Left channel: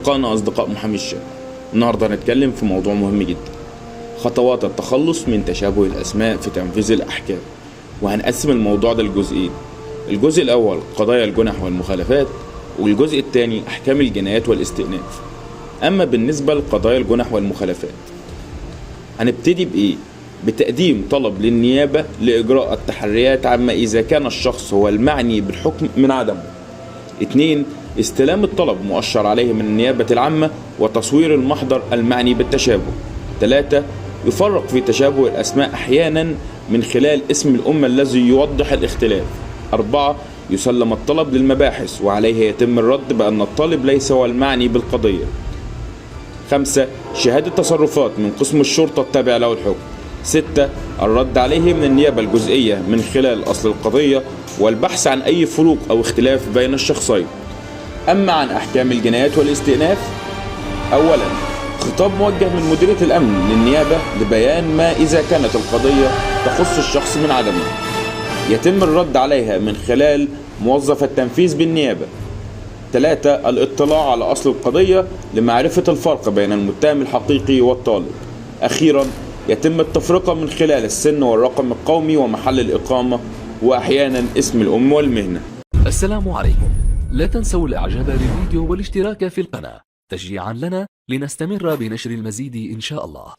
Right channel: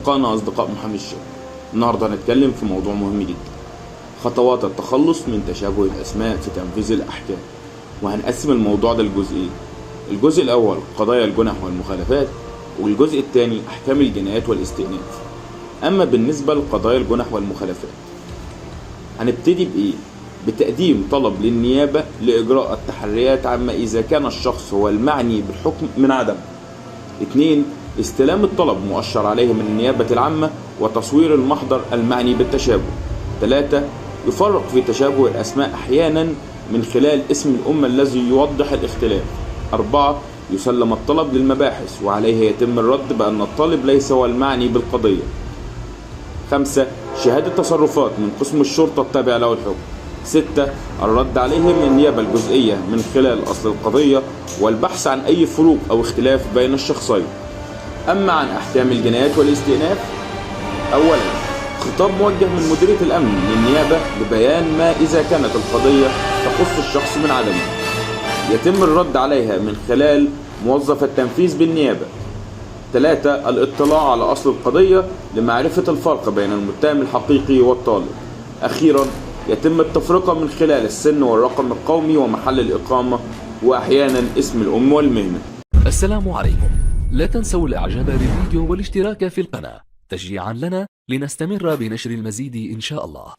أصدقائنا أصدقاء محامي الشغل. النهاردة هنتكلم في موضوع مهم جدا: خطوات التخلص من تشابه الأسماء في تنفيذ الأحكام. وهنقسم الموضوع ده لجزئين: الجزء الأول قضايا الجنح والمخالفات، والجزء الثاني أحكام الجنايات والاستئناف. أما بالنسبة لقضايا الجنح والمخالفات، هنبتدي بإيه؟ بتقديم طلب للنيابة لإجراء التحريات عما إذا كان الشخص هو المعني بالحكم من عدمه. 2. استلام الطلب مؤشر عليه من النيابة العامة وتصوير المحضر المعني بالتشابه. 3. يفرق في تشابه الأسماء أحيانا من خلال اسم الأم الذي يوضح الاختلاف. 4. يسلم الطلب للمباحث وعليه يتم الرد بأن الطالب ليس هو المعني بالقضية. 5. شهادة تصرفات من قسم الشرطة التابع له الحكم. 6. الرد عليه من النيابة الجزئية من خلال أصل القضية والبحث عن أي فروق أو اختلاف بين الشخصين. أما عن أحكام الجنايات والاستئناف، أولا خطاب موجه من مديرية الأمن للنيابة لبيان ما إذا كانت القضية تخص الشخص من عدمه، يتم الرد عليها من خلال موظف التنفيذ بالنيابة. 3. الاطلاع على أصل القضية لمعرفة الفرق بين المتهم الحقيقي والطالب. أخيرا يتم التفرقة من خلال السن والرقم القومي ومحل الإقامة، وأحيانا اسم الأم والمهنة. السلام عليكم. لا تنسوا الاعجاب بالفيديو والاشتراك في القناة تشجيعا لنا لنستمر بنشر المزيد إن شاء الله.